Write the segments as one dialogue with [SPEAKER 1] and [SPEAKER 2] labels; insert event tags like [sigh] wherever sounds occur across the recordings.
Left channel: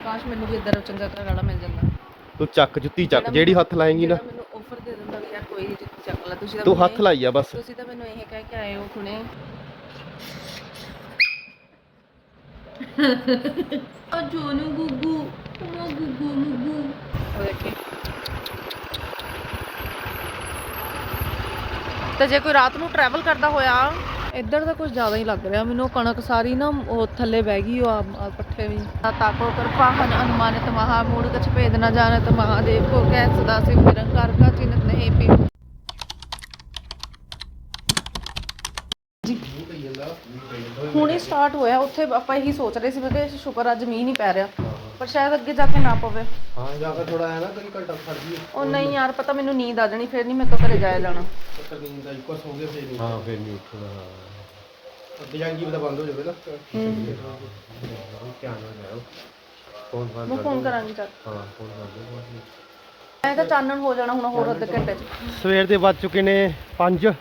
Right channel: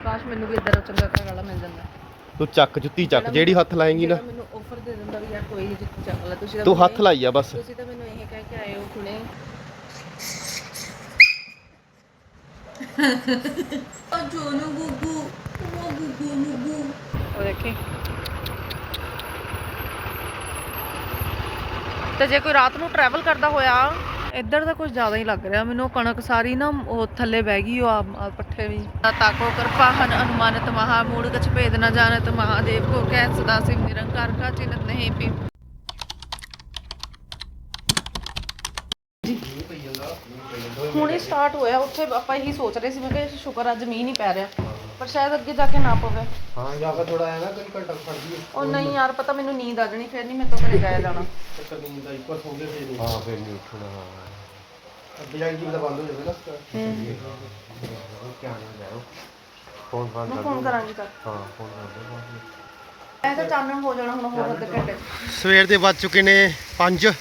[SPEAKER 1] ਕਾਸ਼ ਮੈਨੂੰ ਵੀ ਇਦਾਂ ਚੰਗਾ ਘਰ ਵਾਲਾ ਮਿਲ ਜਾਂਦਾ।
[SPEAKER 2] ਤੂੰ ਚੱਕ ਜੁੱਤੀ ਚੱਕ ਜਿਹੜੀ ਹੱਥ ਲਾਏਂਗੀ ਨਾ।
[SPEAKER 1] ਜਿਹੜਾ ਮੈਨੂੰ ਆਫਰ ਦੇ ਦਿੰਦਾ ਵੀ ਯਾਰ ਕੋਈ ਨਹੀਂ ਜੁੱਤੀ ਚੱਕ ਲੈ ਤੁਸੀਂ ਤਾਂ
[SPEAKER 2] ਤੂੰ
[SPEAKER 1] ਮੈਨੂੰ
[SPEAKER 2] ਹੱਥ ਲਾਈ ਆ ਬਸ।
[SPEAKER 1] ਤੁਸੀਂ ਤਾਂ ਮੈਨੂੰ ਇਹ ਕਹਿ ਕੇ ਆਏ ਹੋ ਹੁਣੇ। [laughs] ਆ ਜੋਨੂ ਗੁੱਗੂ ਉਹ ਗੁੱਗੂ ਮੁੱਗੂ। ਉਹ ਦੇਖੀ। ਤੇ ਜੇ ਕੋਈ ਰਾਤ ਨੂੰ ਟਰੈਵਲ ਕਰਦਾ ਹੋਇਆ ਇੱਧਰ ਤਾਂ ਕੁਝ ਜ਼ਿਆਦਾ ਹੀ ਲੱਗ ਰਿਹਾ। ਮੈਨੂੰ ਕਣਕ ਸਾਰੀ ਨਾ ਉਹ ਥੱਲੇ ਬਹਿ ਗਈ, ਉਹ ਪੱਠੇ ਵੀ। ਤਾਕੋ ਕਿਰਪਾਹਨ ਅਨੁਮਾਨਿਤ ਮਹਾ ਮੂੜ ਗਛ ਭੇਦ ਨ ਜਾਣਤ ਮਹਾਦੇਵ ਕੋ, ਕਹਿ ਸਦਾ ਸਿਵ ਨਿਰੰਕਾਰ ਕਾ ਚਿੰਤ ਨਹੀਂ ਪੀ। ਹੁਣੇ ਸਟਾਰਟ ਹੋਇਆ, ਉੱਥੇ ਆਪਾਂ ਇਹੀ ਸੋਚ ਰਹੇ ਸੀ, ਮੈਂ ਕਿ ਸ਼ੁਕਰ ਅੱਜ ਮੀਂਹ ਨਹੀਂ ਪੈ ਰਿਹਾ। ਪਰ ਸ਼ਾਇਦ ਅੱਗੇ ਜਾ ਕੇ ਨਾ ਪਵੇ।
[SPEAKER 2] ਹਾਂ ਜਾ ਕੇ ਥੋੜਾ ਆਇਆ ਨਾ ਕਈ ਘੰਟਾ ਖੜ ਗਈ
[SPEAKER 1] ਉਹ ਨਹੀਂ ਯਾਰ ਪਤਾ ਮੈਨੂੰ ਨੀਂਦ ਆ ਜਾਣੀ ਫਿਰ ਨਹੀਂ ਮੈਂ ਤੋਂ ਘਰੇ ਜਾਇਆ ਜਾਣਾ।
[SPEAKER 2] ਚੱਕਰ ਨੀਂਦ ਦਾ ਇੱਕ ਵਾਰ ਸੌਂ ਗਏ ਫੇਰ ਨਹੀਂ ਹਾਂ ਫੇਰ ਨਹੀਂ ਉੱਠਣਾ ਹਾਂ। ਅੱਗੇ ਜਾ ਕੇ ਕੀ ਪਤਾ ਬੰਦ ਹੋ ਜਾਵੇ ਨਾ। ਧਿਆਨ ਨਾਲ ਜਾਓ। ਫੋਨ ਬੰਦ
[SPEAKER 1] ਮੈਂ ਫੋਨ ਕਰਾਂਗੀ ਚੱਲ
[SPEAKER 2] ਹਾਂ ਫੋਨ ਕਰ ਦਿਓ।
[SPEAKER 1] ਐ ਤਾਂ ਚਾਨਣ ਹੋ ਜਾਣਾ ਹੁਣ ਹੋਰ ਅੱਧੇ ਘੰਟੇ 'ਚ।
[SPEAKER 2] ਸਵੇਰ ਦੇ ਵੱਜ ਚੁੱਕੇ ਨੇ 5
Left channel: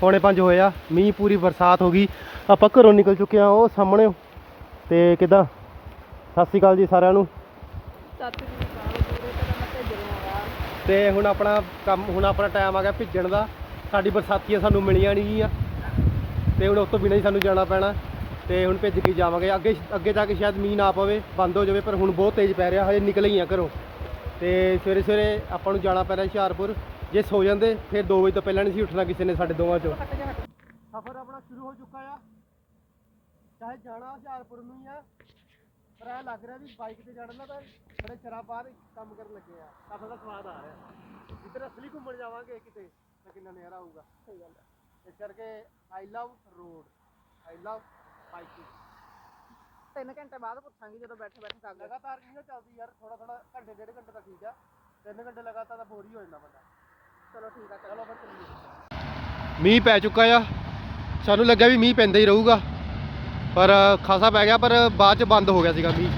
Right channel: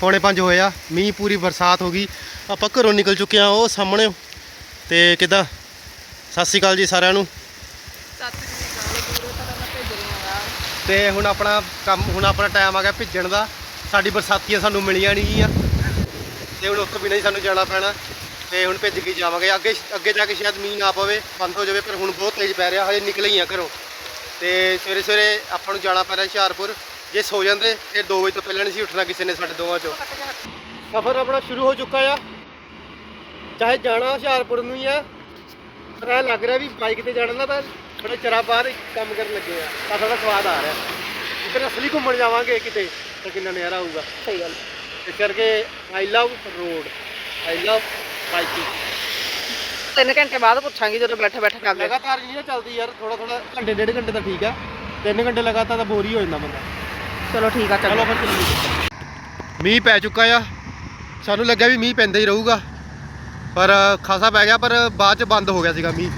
[SPEAKER 2] ਪੌਣੇ 5 ਹੋਇਆ ਮੀਂਹ ਪੂਰੀ ਬਰਸਾਤ ਹੋ ਗਈ। ਆਪਾਂ ਘਰੋਂ ਨਿਕਲ ਚੁੱਕੇ ਆ ਉਹ ਸਾਹਮਣੇ। ਤੇ ਕਿਦਾਂ? ਸਤਿ ਸ਼੍ਰੀ ਅਕਾਲ ਜੀ ਸਾਰਿਆਂ ਨੂੰ।
[SPEAKER 1] ਸੱਤ ਜੀ ਕਾਲੇ ਪੂਰੇ ਤਾਂ ਮੈਂ ਭੇਜ ਰਹੀ
[SPEAKER 2] ਤੇ ਹੁਣ ਆਪਣਾ ਕੰਮ, ਹੁਣ ਆਪਣਾ ਟਾਈਮ ਆ ਗਿਆ ਭਿੱਜਣ ਦਾ। ਸਾਡੀ ਬਰਸਾਤੀਆਂ ਸਾਨੂੰ ਮਿਲੀਆਂ ਨਹੀਂ ਗੀਆਂ। ਤੇ ਹੁਣ ਉਸ ਤੋਂ ਬਿਨਾਂ ਹੀ ਸਾਨੂੰ ਜਾਣਾ ਪੈਣਾ। ਤੇ ਹੁਣ ਭਿੱਜ ਕੇ ਜਾਵਾਂਗੇ। ਅੱਗੇ ਅੱਗੇ ਜਾ ਕੇ ਸ਼ਾਇਦ ਮੀਂਹ ਨਾ ਪਵੇ, ਬੰਦ ਹੋ ਜਾਵੇ, ਪਰ ਹੁਣ ਬਹੁਤ ਤੇਜ਼ ਪੈ ਰਿਹਾ। ਹਜੇ ਨਿਕਲੇ ਹੀ ਆ ਘਰੋਂ। ਤੇ ਸਵੇਰੇ ਸਵੇਰੇ ਆਪਾਂ ਨੂੰ ਜਾਣਾ ਪੈ ਰਿਹਾ ਹੁਸ਼ਿਆਰਪੁਰ। ਜੇ ਸੋ ਜਾਂਦੇ, ਫਿਰ 2 ਵਜੇ ਤੋਂ ਪਹਿਲਾਂ ਨਹੀਂ ਸੀ ਉੱਠਣਾ ਕਿਸੇ ਨੇ ਸਾਡੇ ਦੋਵਾਂ ਚੋਂ। ਸਫ਼ਰ ਆਪਣਾ ਸ਼ੁਰੂ ਹੋ ਚੁੱਕਾ ਆ। ਚਾਹੇ ਜਾਣਾ ਹੁਸ਼ਿਆਰਪੁਰ ਨੂੰ ਹੀ ਆ ਪਰ ਇਹ ਲੱਗ ਰਿਹਾ ਵੀ ਬਾਈਕ ਤੇ ਜਾਣਾ ਨਾ ਤਾਂ ਬੜੇ ਚਿਰਾਂ ਬਾਅਦ ਕੰਮ ਕਰਨ ਲੱਗੇ ਆ। ਤਾਂ ਥੋੜਾ ਸਵਾਦ ਆ ਰਿਹਾ। ਜਿੱਥੇ ਅਸਲੀ ਘੁੰਮਣ ਜਾਵਾਂਗੇ ਕਿਤੇ ਤਾਂ ਕਿੰਨਾ ਨਜ਼ਾਰਾ ਆਊਗਾ।
[SPEAKER 1] ਸਹੀ ਗੱਲ।
[SPEAKER 2] ਇਸ ਕਰਕੇ I love road I love biking
[SPEAKER 1] ਤਿੰਨ ਘੰਟੇ ਬਾਅਦ ਪੁੱਛਾਂਗੀ ਜਦੋਂ ਬੈਠੇ ਬੈਠੇ ਕਰ ਲਿਆ
[SPEAKER 2] ਲਗਾਤਾਰ ਨਹੀਂ ਨਾ ਚੱਲਦੀ ਯਾਰ ਥੋੜਾ ਥੋੜਾ ਘੰਟੇ ਡੇਢ ਘੰਟੇ ਤਾਂ ਠੀਕ ਆ। ਤਿੰਨ ਘੰਟੇ ਲਗਾਤਾਰ ਤਾਂ ਬੋਰ ਹੀ ਹੋ ਜਾਂਦਾ ਬੰਦਾ।
[SPEAKER 1] ਚਲੋ ਠੀਕ ਆ
[SPEAKER 2] ਚਲੋ
[SPEAKER 1] ਚਲੋ
[SPEAKER 2] ਫਿਰ ਚੱਲੀਏ। ਮੀਂਹ ਪੈ ਚੁੱਕਾ ਆ। ਸਾਨੂੰ ਲੱਗਿਆ ਵੀ ਮੀਂਹ ਪੈਂਦਾ ਹੀ ਰਹੂਗਾ। ਪਰ ਖਾਸਾ ਪੈ ਗਿਆ, ਪਰ ਬਾਅਦ ਚ ਬੰਦ ਹੋ ਗਿਆ ਸੀਗਾ ਮੀਂਹ।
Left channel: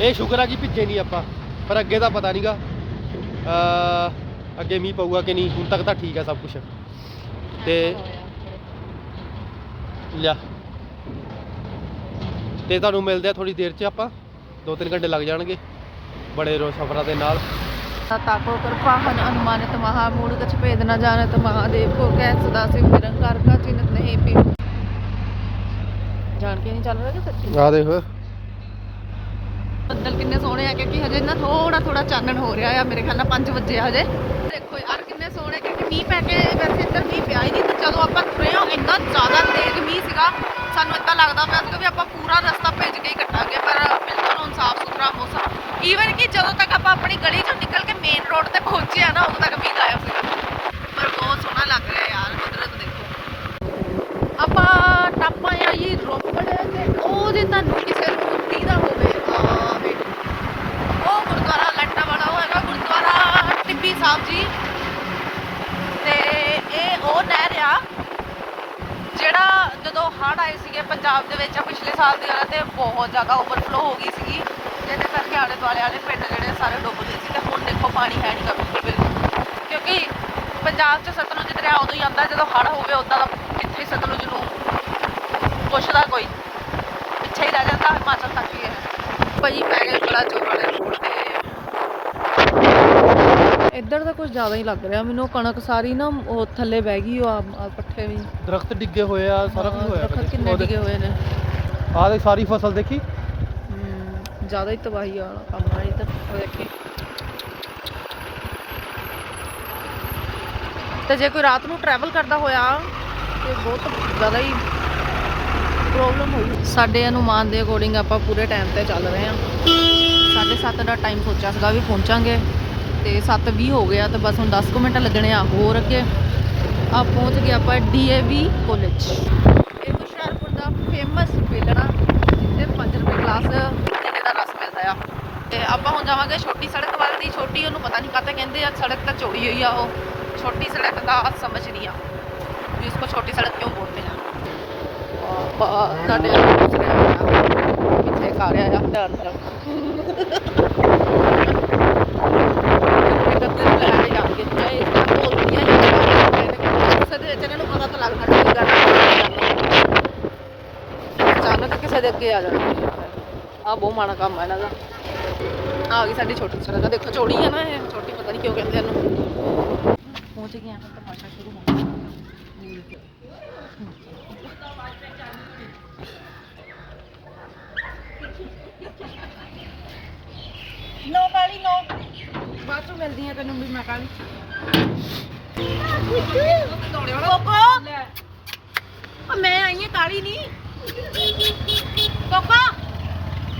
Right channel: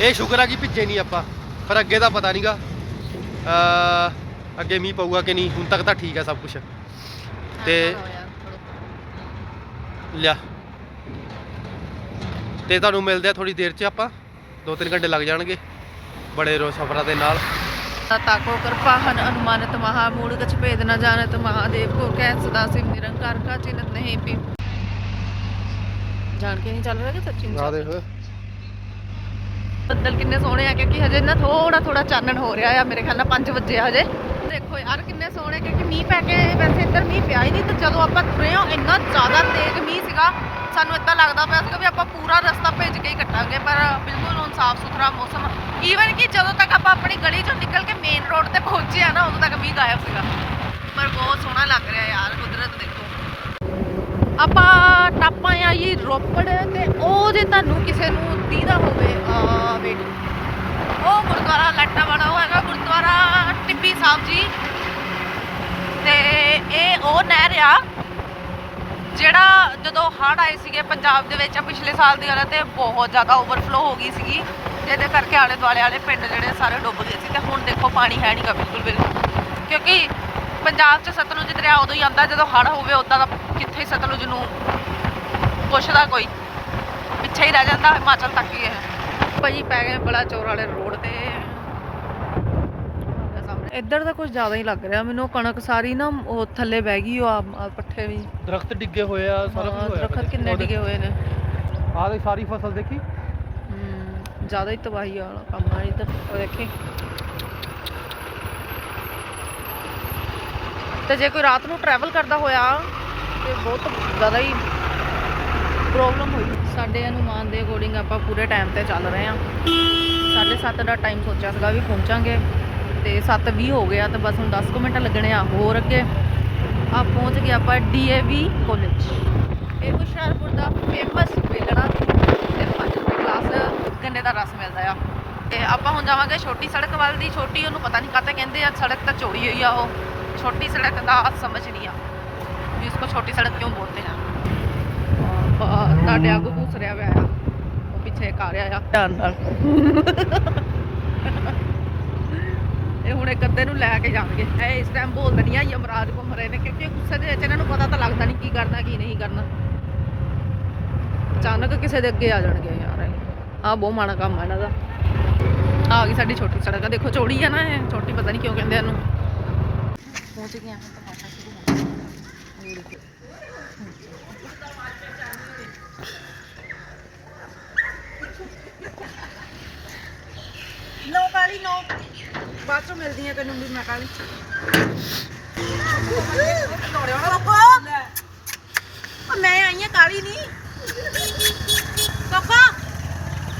[SPEAKER 2] ਇਹ ਸ਼ੁਕਰ ਆ ਕਿ ਭਿੱਜੇ ਨਹੀਂ ਆਪਾਂ, ਪਰ ਅੱਗੇ ਦਾ ਪਤਾ ਨਹੀਂਗਾ ਅੱਗੇ ਮੀਂਹ ਪਊਗਾ ਕਿ ਨਹੀਂ, ਹੁਣ ਤੱਕ ਤਾਂ ਠੀਕ ਆ ਸਭ ਕੁਝ ਤੇ ਲਿਆ। ਤੇ ਤੁਹਾਨੂੰ ਮਿਲਦੇ ਆ ਥੋੜੀ ਦੇਰ ਚ ਆਪਾਂ 2-3 ਘੰਟੇ ਲੱਗ ਜਾਣਗੇ, ਬੜੇ ਰੋ ਸਫਰਾਂ ਦੇ ਨਾਲ।
[SPEAKER 1] ਤਾਕੋ ਕਿਰਪਾਹਨ ਅਨੁਮਾਨਿਤ ਮਹਾ, ਮੂੜ ਗਛ ਭੇਦ ਨ ਜਾਣਤ ਮਹਾਦੇਵ ਕੋ ਕਹਿ ਸਦਾ ਸਿਵ ਨਿਰੰਕਾਰ, ਕਾ ਚਿੰਤ ਨਹੀਂ ਪੀ ਜਾਣ ਕੇ ਨਹੀਂ ਚੱਲ ਰਿਹਾ ਕਿ ਸੱਚੀ?
[SPEAKER 2] ਆ ਦੇਖੋ।
[SPEAKER 1] ਬੱਦਲ ਕਿੰਨੇ ਸੋਹਣੇ ਆ ਕਿਉਂਕਿ ਹਜੇ ਨਾ ਥੋੜਾ ਥੋੜਾ ਚਾਨਣ ਹੋ ਰਿਹਾ ਆ ਮੇਰੇ ਖਿਆਲ ਨਾਲ 5 ਵਜੇ ਹਜੇ। ਦੇਖੋ ਯਾਰ ਕਿੰਨੇ ਸੋਹਣੇ ਕਿਉਂਕਿ ਮੀਂਹ ਪੈ ਕੇ ਵੈਸੇ ਇੱਧਰ ਮੀਂਹ ਪਿਆ ਹੀ ਨਹੀਂ ਤੇ ਜਦੋਂ ਆਪਾਂ ਤੁਰੇ ਹਾਂ ਇੰਨਾ ਜ਼ਿਆਦਾ ਤੇਜ਼ ਮੀਂਹ ਸੀਗਾ ਸਾਨੂੰ ਇਦਾਂ ਲੱਗਦਾ ਪਿਆ ਸੀ ਵੀ ਆਪਾਂ ਪੂਰਾ ਰਸਤਾ ਭੇਜ ਕੇ ਹੀ ਕੱਟਾਂਗੇ ਪਰ ਬਿਲਕੁਲ ਹੁਣ ਸਾਫ਼ ਸੁਥਰਾ ਮੌਸਮ ਈਵਨ ਕਿ ਜਦੋਂ ਤੱਕ ਆਪਾਂ ਆਪਣੀ ਗਲੀ ਚੋਂ ਨਿਕਲ ਕੇ ਮੇਨ ਰੋਡ ਤੇ ਪਹੁੰਚੇ ਆ ਨਾ ਉਦੋਂ ਤੱਕ ਮੀਂਹ ਆਇਆ ਸੀਗਾ। ਪਰ ਬਹੁਤ ਸੋਹਣਾ ਲੱਗ ਰਿਹਾ ਯਾਰ ਕੁਦਰਤ ਦੇਖੋ। ਆਪਾਂ ਟਾਪਾਂ ਆ ਜੀ, ਰੋਪੜ ਤੇ ਉਹ ਜੇ ਤੁਹਾਨੂੰ ਕਿਸੇ ਨੂੰ ਦੀਦਾ ਹੋਵੇ, ਆ ਵੇਟ ਉਹ ਗੁਰਦੁਆਰਾ ਲੱਟਾ ਵਾਲਾ ਉਹ ਹੈਗਾ ਗੁਰਦੁਆਰਾ ਟਿੱਬੀ ਸਾਹਿਬ ਜੀ। ਤੇ ਇਹ ਉਹ ਨਹਿਰ ਆ, ਜਿਹੜਾ ਜਦੋਂ ਹੜ੍ਹ ਆਏ ਸੀਗੇ ਪੰਜਾਬ ਦੇ ਵਿੱਚ ਪਿਛਲੇ ਸਾਲ ਦੀ ਗੱਲ ਤੇ ਬਹੁਤ ਜ਼ਿਆਦਾ ਓਵਰਫਲੋ ਹੋ ਗਈ ਸੀਗੀ। ਜਿਹਦੇ ਕਰਕੇ ਆਲੇ ਦੁਆਲੇ ਵਾਲੇ ਪਿੰਡ ਜਿਹੜੇ ਸਾਰੇ ਡੁੱਬ ਗਏ ਸੀ ਤੇ ਹੁਣ ਦੇਖੋ ਪਾਣੀ ਹੈ ਨਹੀਂਗਾ ਬਿਲਕੁਲ ਬਿਲਕੁਲ। ਕਿਉਂਕਿ ਪੰਜਾਬ 'ਚ ਸਤਲੁਜ ਦਰਿਆ ਉਦੋਂ ਹੀ ਆਉਂਦਾ ਜਦੋਂ ਹੜ੍ਹ ਹੋਵੇ ਉਦਾਂ ਦਾ ਕਿੱਥੇ ਸਤਲੁਜ ਨੂੰ ਪੁੱਛਦਾ ਕੋਈ। ਪਿੱਛੇ ਹੀ ਰਹਿ ਜਾਂਦਾ ਹਿਮਾਚਲ ਤੱਕ ਹੀ ਹੈ ਭਾਜੀ ਪੈ ਗਏ ਬੜਾ ਚੋਰ ਵਾਲੇ ਰੋਡ ਤੇ। ਇੱਧਰ ਤਾਂ ਕੁਝ ਜ਼ਿਆਦਾ ਹੀ ਲੱਗ ਰਿਹਾ। ਮੈਨੂੰ ਕਣਕ ਸਾਰੀ ਨਾ ਉਹ ਥੱਲੇ ਬਹਿ ਗਈ ਉਹ ਆ ਆ ਪੱਠੇ ਵੀ।
[SPEAKER 2] ਦਰਖਤ ਡਿੱਗੇ ਹੋਏ ਆ ਸਾਰਾ
[SPEAKER 1] ਹਾਂ,
[SPEAKER 2] ਕੁਝ ਹੋਇਆ।
[SPEAKER 1] ਦਰਖਤ ਕਿੰਨੇ ਡਿੱਗੇ ਹੋਏ ਨੇ।
[SPEAKER 2] ਆਹ ਦੇਖ ਸਾਰੀ ਫਸਲ ਦੇਖੀ?
[SPEAKER 1] ਹਮ, ਜ਼ਿਆਦਾ ਹੀ ਤਬਾਹੀ ਵਾਲਾ ਕੰਮ ਆ ਇਹ ਤਾਂ। ਉਹ ਦੇਖੀ। ਤੇ ਜੇ ਕੋਈ ਰਾਤ ਨੂੰ ਟਰੈਵਲ ਕਰਦਾ ਹੋਇਆ ਤੇ ਬਹੁਤ ਜ਼ਿਆਦਾ ਹੀ ਪ੍ਰੋਬਲਮ ਹੋਈ। ਸਾਡੇ ਅਨੁਮਾਨ ਦੇ ਅਕੋਰਡਿੰਗ ਆਪਾਂ ਪੂਰੇ ਟਾਈਮ ਤੇ ਚੱਲ ਰਹੇ ਹਾਂ। 7:30 ਦਾ ਟਾਈਮ ਸੋਚਿਆ ਸੀਗਾ ਵੀ ਪਹੁੰਚਾਂਗੇ। ਤੇ 7:20 ਹੋ ਗਿਆ ਤੇ ਬਸ ਹੁਣ 10 ਕੁ ਮਿੰਟ ਲੱਗਣੇ ਆ, ਹੋਰ ਅੱਗੇ। ਆ ਪਹੁੰਚ ਗਏ ਆਪਾਂ ਡੀਏਵੀ ਕਾਲਜ ਇਹ ਹੁਸ਼ਿਆਰਪੁਰ ਦਾ ਫੇਮਸ ਵੇਲਣਾ ਤੇ 5 ਰੁਪਏ ਗਲਾਸ ਕਿੰਨੇ ਦਾ ਰਸ ਮਿਲਦਾ ਆ। ਤੇ ਆਪਾਂ ਹੁਣ ਜਾਵਾਂਗੇ ਛੋਟੀ ਸੜਕ ਵੱਲ ਦੀ, ਛੋਟੀ ਉਹਨੂੰ ਪਤਾ ਨਹੀਂ ਕਾਹਤੇ ਕਹਿੰਦੇ ਆ, ਸੜਕ ਤਾਂ ਚੋਰੀ ਹੋਈ ਆ ਉਹ। ਛੋਟੀ ਸੜਕ ਦਾ ਸਮਝ ਨਹੀਂ ਆ। ਉਸਕੋ ਛੋਟੀ ਸੜਕ ਕਿਉਂ ਬੋਲਦੇ ਆ ਬਹੁਤ ਤੁਹਾਡੇ ਆ ਪੁੱਛ ਆ ਗਿਆ ਆ। ਧਿਆਨ ਨਾਲ ਇਹਨੇ ਗੱਦੇ ਨੂੰ ਲੈ ਕੇ ਜਾਣਗੇ। ਇਹ ਇਸ ਤਰ੍ਹਾਂ ਬੋਲਦੀਆਂ ਹੀ ਜਵਾਨ ਨੇ ਕਹਿੰਦੇ ਕਿਸੇ ਦੇ ਵਿੱਚ ਇਹਨਾਂ ਨੂੰ ਪਤਾ ਤਾਂ ਲੱਗਦਾ ਨਹੀਂ ਕੀ ਕਰਨਾ ਕੀ ਕਰਨਾ। ਅਚਾਨਕ ਕਿਸੇ ਦੇ ਅੱਗੇ ਆ ਜਾਣਗੇ ਯਾਰ ਆ ਬਹੁਤ ਮਾੜਾ ਕੰਮ ਆ ਇਹਨਾਂ ਦਾ। ਆ ਗਈ ਸਾਡੀ ਛੋਟੀ ਸੜਕ। ਆ ਦੇਖੋ ਚੌੜੀ ਆ ਨਾ ਇਹ। ਛੋਟੀ ਪਤਾ ਨਹੀਂ ਕਿਉਂ ਕਹਿੰਦੇ ਇਹਨੂੰ। ਪਹੁੰਚ ਗਏ ਆ ਹੁਣ ਤਮਾਸ਼ਾ ਸ਼ੁਰੂ ਹੋਣਾ।
[SPEAKER 3] ਨੋ ਕਾਲੀ ਨੋ ਬਾਅਦ ਚੋਂ ਮਿਲਦੀਆਂ ਤੈਨੂੰ ਵੀ ਮੈਂ ਕਾਲੀ ਕੋਕੋ ਉਹ ਮੈਂ ਆਈ ਆ ਕਾਲੀ ਨਹੀਂ ਕੋਕੋ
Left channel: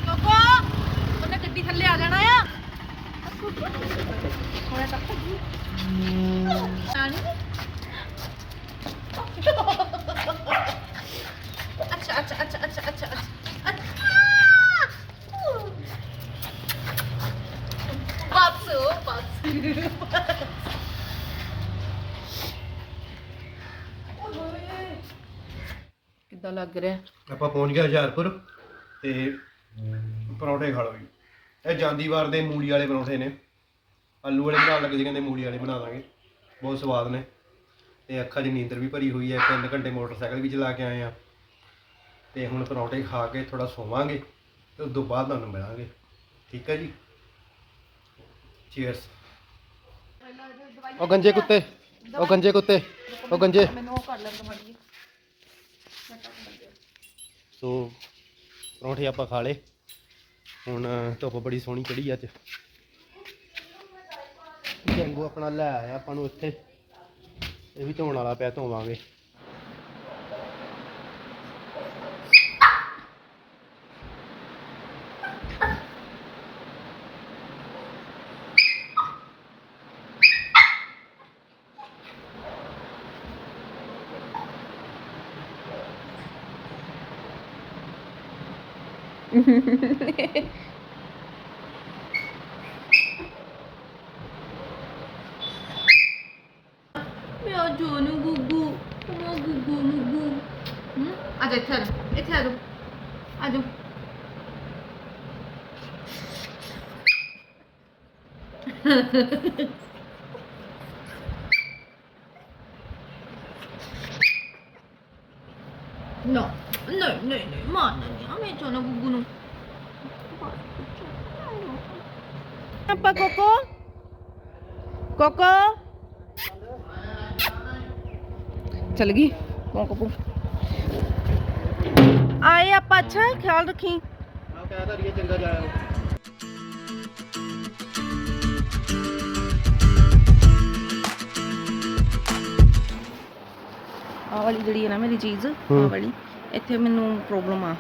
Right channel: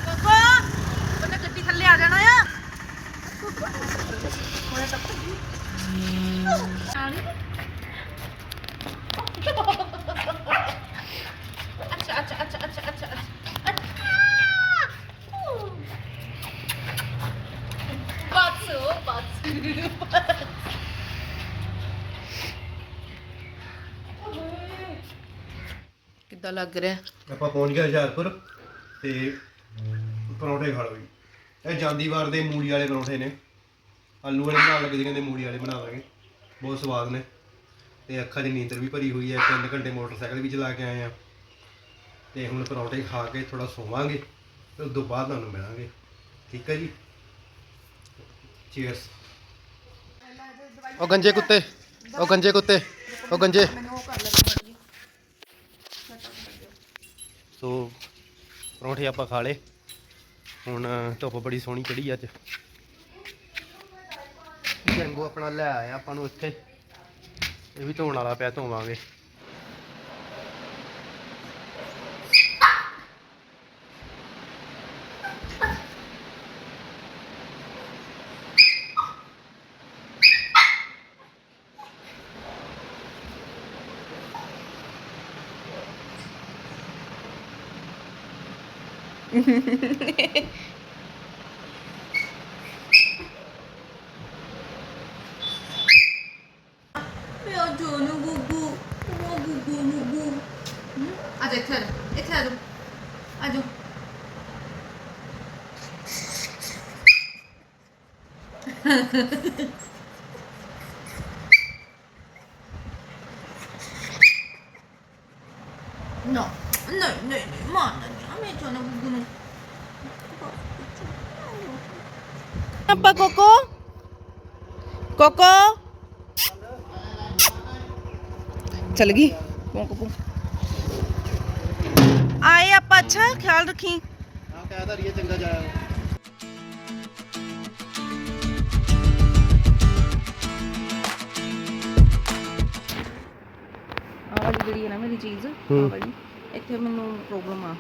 [SPEAKER 3] ਕੋਕੋ ਉਹਨੇ ਗੱਡੀ ਥੱਲੇ ਆ ਜਾਣਾ ਆ ਹੋਇਆ ਤੱਕ ਕਾਲੀ ਅੱਛਾ ਅੱਛਾ ਅੱਛਾ ਅੱਛਾ ਅੱਛਾ ਅੱਛਾ ਬਾਤਸੋ ਬਾਤਸੋ
[SPEAKER 1] ਕਿੱਦਾਂ ਲੱਗ ਰਿਹਾ।
[SPEAKER 2] ਆਪਾਂ ਪਹੁੰਚ ਗਏ ਹੁਸ਼ਿਆਰਪੁਰ ਤੇ ਪਰੌਂਠੇ ਖਾ ਲਓ ਜੀ। ਇਹ ਜਾਂਦੀ ਵਾਰ ਦੇ ਮੂਲੀ ਵਾਲੇ ਪਰੌਂਠੇ ਨੇ। ਆਲੂ ਵਾਲੇ ਬਣਾਉਣ ਲੱਗੇ ਸੀ ਕਹਿੰਦੇ ਮੂਲੀ ਵਾਲੇ ਬਣਾ ਦਾਂਗੇ। ਬਹੁਤ ਸਵਾਦ ਨੇ। ਤੇ ਅੱਖਾਂ 'ਚ ਨੀਂਦਰ ਵੀ ਭਰੀ ਹੋਈ ਹੈ ਤਿੰਨ ਘੰਟੇ ਮੋਟਰਸਾਈਕਲ ਵੀ ਚਲਾ ਕੇ ਆਏ ਆ ਤੇ ਹੁਣ ਪਰੌਂਠੇ ਖਾ ਕੇ ਥੋੜਾ ਸੋਵਾਂਗੇ ਤੇ ਉਸ ਤੋਂ ਬਾਅਦ ਤੁਹਾਨੂੰ ਮਿਲਾਂਗੇ। ਠੀਕ ਹੈ ਜੀ? ਚੀਅਰਸ ਉਹ ਗੰਜੇ ਕੁੱਤੇ ਉਹ ਗੰਜੇ ਕੁੱਤੇ ਉਹ ਗੰਜੇ।
[SPEAKER 1] ਮੈਨੂੰ ਉਹ ਕਰ ਲੈ
[SPEAKER 2] ਸੋ ਪਰੌਂਠੇ ਆਪਾਂ ਖਾ ਲਏ। ਹੁਣ ਧੁੱਪ ਬੜੀ ਸੋਹਣੀ ਚੜੀ ਅੱਜ। ਜੰਗੂ ਆਪਣਾ ਲੈ ਆਇਆ ਆਪਾਂ ਨੂੰ ਇੱਥੇ। ਇਹ ਵੀ ਧੋਣ ਵਾਲਾ ਪਿਆ, ਧੋਵਾਂਗੇ।
[SPEAKER 3] ਮੇਰਾ ਜੋਨੂ ਗੁੱਗੂ ਉਹ ਗੁੱਗੂ ਮੁੱਗੂ ਹਮ ਆ ਜਾ ਇੱਥੇ ਆ ਜਾ ਇੱਥੇ ਆ ਜਾ ਆ ਜਾ No, no, no, no, ਮਾਰਨਾ ਨਹੀਂ ਆ ਮੈਂ ਜੋਨੂ ਗੁੱਗੂ ਨੂੰ
[SPEAKER 1] ਆਪਾਂ ਕੋਕੋ ਕੋਕੋ ਚਲ ਗਈ ਕੋਕੋ ਆਏ ਆਪਾਂ ਅੱਛਾ ਖਿਆਲ ਰੱਖੀ
[SPEAKER 2] ਹਾਂ ਕਹਿ ਤਾਂ
[SPEAKER 1] ਇੱਥੇ ਮੈਨੂੰ ਪ੍ਰੋਬਲਮ ਆ।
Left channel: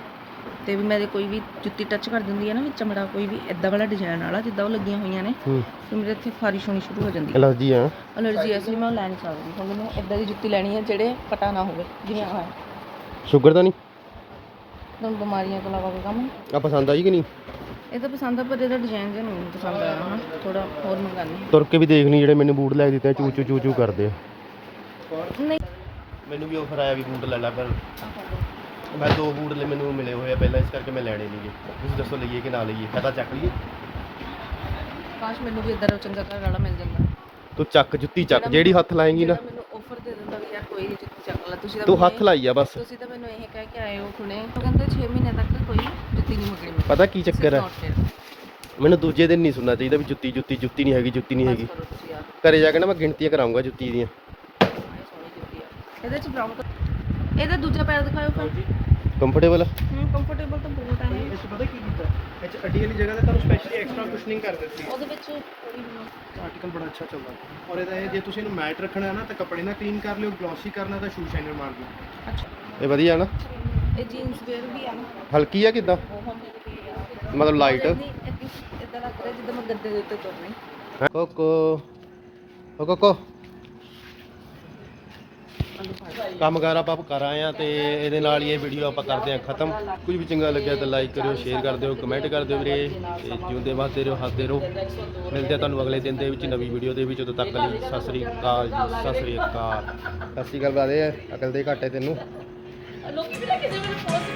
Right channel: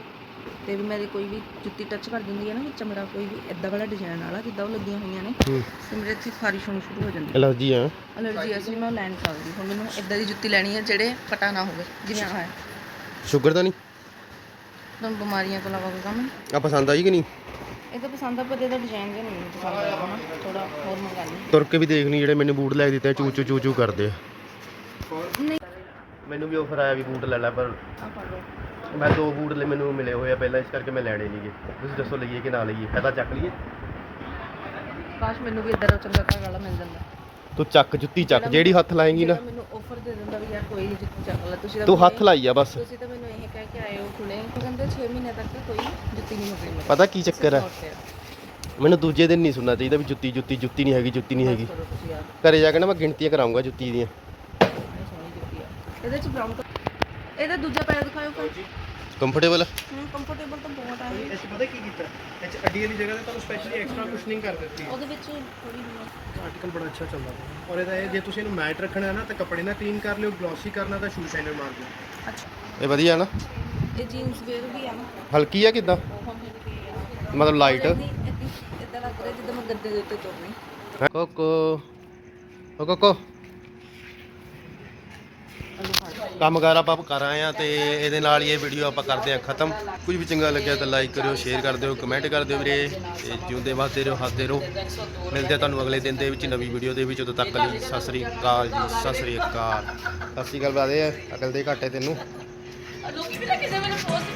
[SPEAKER 1] ਤੇ ਵੀ ਮੇਰੇ ਕੋਈ ਵੀ ਜੁੱਤੀ ਟੱਚ ਕਰ ਦਿੰਦੀ ਹੈ ਨਾ ਵਿੱਚ ਚਮੜਾ ਕੋਈ ਵੀ ਇਦਾਂ ਵਾਲਾ ਡਿਜ਼ਾਈਨ ਵਾਲਾ ਜਿੱਦਾਂ ਉਹ ਲੱਗੀਆਂ ਹੋਈਆਂ ਨੇ ਤੇ ਮੇਰੇ ਇੱਥੇ ਖਾਰਿਸ਼ ਹੋਣੀ ਸ਼ੁਰੂ ਹੋ ਜਾਂਦੀ ਹੈ
[SPEAKER 2] ਐਲਰਜੀ ਆ।
[SPEAKER 1] ਅਲਰਜੀ ਐ ਇਸ ਲਈ ਮੈਂ ਉਹ ਲੈ ਨਹੀਂ ਸਕਦੀ ਹੁਣ ਮੈਨੂੰ ਇਦਾਂ ਦੀ ਜੁੱਤੀ ਲੈਣੀ ਹੈ ਜਿਹੜੇ ਪਟਾ ਨਾ ਹੋਵੇ ਜਿਵੇਂ ਆਹ ਹੈ
[SPEAKER 2] ਸ਼ੂਗਰ ਤਾਂ ਨਹੀਂ?
[SPEAKER 1] ਤੁਹਾਨੂੰ ਬਿਮਾਰੀਆਂ ਤੋਂ ਇਲਾਵਾ ਕੋਈ ਕੰਮ ਨਹੀਂ।
[SPEAKER 2] ਆ ਪਸੰਦ ਆਈ ਕਿ ਨਹੀਂ?
[SPEAKER 1] ਇਹ ਤਾਂ ਪਸੰਦ ਆ ਪਰ ਇਹਦਾ ਡਿਜ਼ਾਈਨ ਜਿਹਾ ਨਹੀਂ ਪਸੰਦ ਆਇਆ ਨਾ। ਥੋੜਾ ਹੋਰ ਮੰਗਾਨੀ
[SPEAKER 2] ਤੁਰ ਕੇ ਵੀ ਦੇਖ ਲਈ ਜਿਹੜੇ ਮੈਨੂੰ ਬੂਟ ਲੈ ਦਿੱਤੇ ਚੂ ਚੂ ਚੂ ਚੂ ਕਰਦੇ ਆ।
[SPEAKER 1] ਨਹੀਂ।
[SPEAKER 2] ਮੈਨੂੰ ਵੀ ਆਫਰ ਆਇਆ ਵੀ ਬੂਟ ਲੈ ਲੈ ਪਰ
[SPEAKER 1] ਆ
[SPEAKER 2] ਮੈਂ ਦੋ ਬੂਟ ਲੈ ਮੈਨੂੰ ਮਿਲੇ ਹੋਏ ਆ ਪਹਿਲਾਂ ਇਸ ਕਰਕੇ ਮੈਂ ਲੈਣੇ ਨਹੀਂਗੇ ਤੁਸੀਂ ਦੱਸੋ ਲਈਏ ਕਿ ਨਾ ਲਈਏ? ਫਾਇਦਾ ਚੱਕ ਲਈਏ?
[SPEAKER 1] ਕਾਸ਼ ਮੈਨੂੰ ਵੀ ਇਦਾਂ ਦਾ ਚੰਗਾ ਵਾਲਾ ਮਿਲ ਜਾਂਦਾ।
[SPEAKER 2] ਤੂੰ ਚੱਕ ਜੁੱਤੀ ਚੱਕ ਜਿਹੜੀ ਹੱਥ ਲਾਏਂਗੀ ਨਾ।
[SPEAKER 1] ਮੈਨੂੰ ਆਫਰ ਦੇ ਦਿੰਦਾ ਵੀ ਯਾਰ ਕੋਈ ਨਹੀਂ ਜੁੱਤੀ ਚੱਕ ਲੈ ਤੁਸੀਂ ਤਾਂ
[SPEAKER 2] ਤੂੰ
[SPEAKER 1] ਮੈਨੂੰ
[SPEAKER 2] ਹੱਥ ਲਾਈ ਆ ਬਸ।
[SPEAKER 1] ਤੁਸੀਂ ਤਾਂ ਮੈਨੂੰ ਇਹ ਕਹਿ ਕੇ ਆਏ ਹੋ ਹੁਣੇ। ਉਹ ਕਹਿੰਦੇ 6 ਮਹੀਨੇ ਤੱਕ ਕੋਈ ਜੁੱਤੀ ਨਹੀਂ ਮੰਗਣੀ ਮੇਰੇ
[SPEAKER 2] ਪਤਾ ਕੀ ਚੱਕਰ ਹੈ। ਮੈਨੂੰ ਦੂਜੇ ਦਿਨ ਨਹੀਂ ਸੁਣਨਾ ਚਾਹੀਦਾ ਵੀ ਜੁੱਤੀ ਜੁੱਤੀ ਜੁੱਤੀ ਨਹੀਂ ਹੈਗੀ ਜੁੱਤੀ ਨਹੀਂ ਹੈਗੀ। ਘਰੇ ਜਾ ਕੇ ਨਾ ਮੈਂ ਗਿਣਤੀਆਂ ਕਰਾਉਂਗਾ ਜੁੱਤੀ ਦੀਆਂ।
[SPEAKER 1] ਇਹਦੇ ਚ ਬਰਾਊਨ ਇਹਦਾ ਦੂਜਾ ਪੈਰ ਦਿਖਾਓ ਫਿਰ।
[SPEAKER 2] ਕੰਫਰਟੇਬਲ
[SPEAKER 1] ਹੂੰ ਕੰਫਰਟੇਬਲ ਤਾਂ ਬਹੁਤ ਆ ਇਹ।
[SPEAKER 2] ਇਸ ਪਤਾ ਕੀ ਕੀਤਾ? ਇਹ ਚ ਅੱਡੀ ਵਾਲੀ ਜਗ੍ਹਾ ਤੇ ਤੁਹਾਨੂੰ ਸਪੈਸ਼ਲੀ ਐਕਸਟਰਾ ਕੁਸ਼ਨਿੰਗ ਕਰ ਦਿੱਤੀ।
[SPEAKER 1] ਉਹਦੇ ਵਿੱਚ ਥੋੜੀ
[SPEAKER 2] ਆਰਟੀਕਲ ਬੜਾ ਅੱਛਾ ਚੱਲਦਾ ਔਰ ਇਹਦਾ ਇਹ ਜੇ ਤੁਸੀਂ ਇਹਨੂੰ ਮੈਟ ਰੱਖਣਾ ਹੈ ਨਾ ਤਾਂ ਕੱਪੜੇ ਨਾਲ ਕਲੀਨ ਕਰ ਲਿਓ ਗਲੋਸੀ ਕਰਨਾ ਤਾਂ ਸ਼ੂ ਸ਼ਾਈਨਰ ਮਾਰ ਦਿਓ।
[SPEAKER 1] ਅੱਛਾ।
[SPEAKER 2] ਇਹ ਵਧੀਆ ਨਾ?
[SPEAKER 1] ਇਹ ਜੀਨਸ ਵੇਅਰ ਵੀ ਆ ਨਾ।
[SPEAKER 2] ਹਲਕੀ ਆ ਕਿਦਾਂ? ਮਤਲਬ ਲਾਈਟ
[SPEAKER 1] ਇਦਾਂ ਲੱਗ ਰਿਹਾ ਜਿੱਦਾਂ ਮੈਂ ਗੱਦੇ ਦੇ ਉੱਤੇ ਤੁਰ ਰਹੀ।
[SPEAKER 2] ਕੋਕੋ। ਕੋਕੋ। ਕੰਮ ਕਾਰ ਆਪਾਂ ਕਰ ਆਏ ਆ ਤੇ ਇਹਦੇ ਨਾਲ ਹੀ ਇਹ ਵੀਡੀਓ ਆਪਾਂ ਕਰਦੇ ਆ ਖਤਮ। ਕੁਝ ਵੀ ਚੰਗਾ ਲੱਗਿਆ ਤਾਂ ਲਾਈਕ ਕਰਿਓ ਸ਼ੇਅਰ ਕਰ ਦਿਓ ਕਮੈਂਟ ਕਰ ਦਿਓ ਵੀਰੇ ਤੇ ਜਿਉਂਦੇ ਵਾਸਤੇ ਰਹੋ, ਹੱਸਦੇ ਰਹੋ। ਮਿਲਦੇ ਆ ਤੁਹਾਨੂੰ ਅਗਲੇ ਦਿਨ ਦੇ ਵਿੱਚ ਨਵੀਂ ਵੀਡੀਓ ਦੇ ਵਿੱਚ। ਉਦੋਂ ਤੱਕ ਲਈ ਸਤਿ ਸ੍ਰੀ ਅਕਾਲ ਜੀ, ਸਤਿ ਸ੍ਰੀ ਅਕਾਲ। ਸਤਿ ਸ੍ਰੀ ਅਕਾਲ ਬਾਦੇ ਅਕਲ ਦੇ ਘਾਟੇ ਤੈਨੂੰ।
[SPEAKER 1] ਲੋਕੀ ਵੀ ਲੱਗੇ ਜਿਵੇਂ ਪੋਸਟ ਕਰ